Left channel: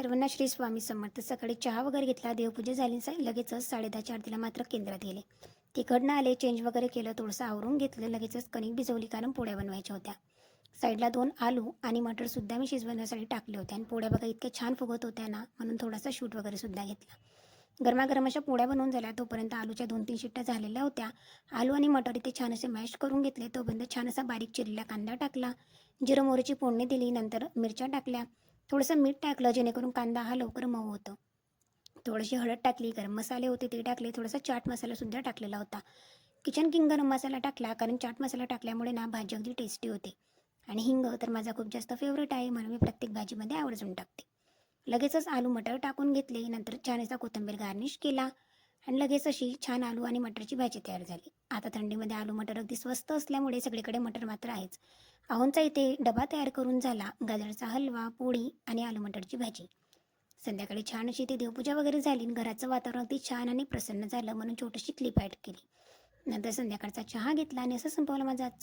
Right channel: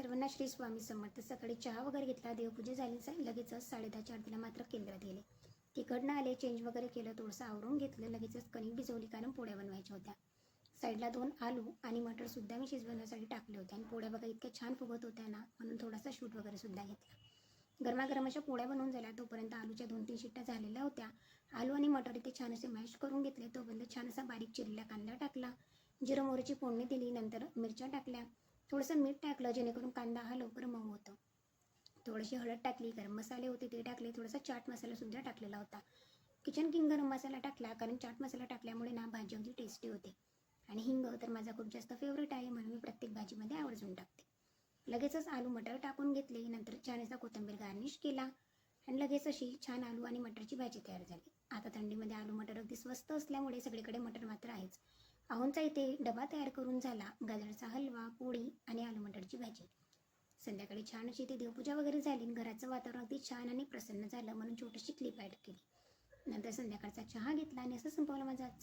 सर्वांना श्री स्वामी समर्थ. सकाळी चहा वगैरे घेतला, देवपूजा झाली, लगेचच 10:30च्या आरतीला मात्र केंद्रात गेले. तिकडनं आले, चेंज वगैरे केलं, थोडंसं आवरून घेतलं, लगेचच कणिक भिजवली कारण पोळ्या बनवायच्या होत्या. साईडला 2 आलू आणि मटरसुद्धा मी शिजवण्यासाठी टाकले होते आणि पोळ्या बघा इतक्या छान फुगत होत्या ना, म्हणून थोडासा शूट वगैरे सुद्धा घेतला. गरमागरम अशा पोळ्या बनवून झाल्या. तोपर्यंत आलूच्या 2-3 शिट्ट्या झालेल्या होत्या. आलू आणि मटर इथे छान असे मॅश करून घेतले. तोपर्यंत छान असा बारीक चिरलेला कांदा टाकला, जिरं मोहरीची फोडणी दिली, नंतर मिरच्या टाकल्या, थोडंसं मीठ टाकलं जेणेकरून कांदा हा लवकर मऊ होतो. थोडीशी हळद टाकली, गरम मसाले होते ते टाकले, थोडासा चाट मसालासुद्धा टाकलेला होता. किचन किंग गरम मसाला टाकला कारण चाट मसाला टाकल्यामुळे ना भाजी अगदी टेस्टी होते. आणि हिंग तर माझा खूप जास्त फेवरेट आहे, म्हणून मी प्रत्येक भाजीमध्ये आवर्जून टाकते. लगेचच आलू मटर टाकून घेतले, नंतर छान असा कोथिंबीर गार्निश केला आणि लगेच अशी छान आलू आणि मटरची भाजी तयार झाली. आता थंडीमध्ये आलू मटर अगदी स्वस्त असल्यामुळे सगळीकडे मटर मात्र आहेच. अहोंचा इथे डबा तयार करून झाला, गाजरचा हलवा, पोळी आणि आलू मटरची भाजी. संध्याकाळी छान अशी इथे देवपूजा वगैरे झाली. घराचं वातावरण अगदी छान आणि प्रसन्न झालं, म्हणून छोटीशी क्लिप ॲड केली. नंतर संध्याकाळचा चहा घेतला आणि असं संपवला माझा आजचा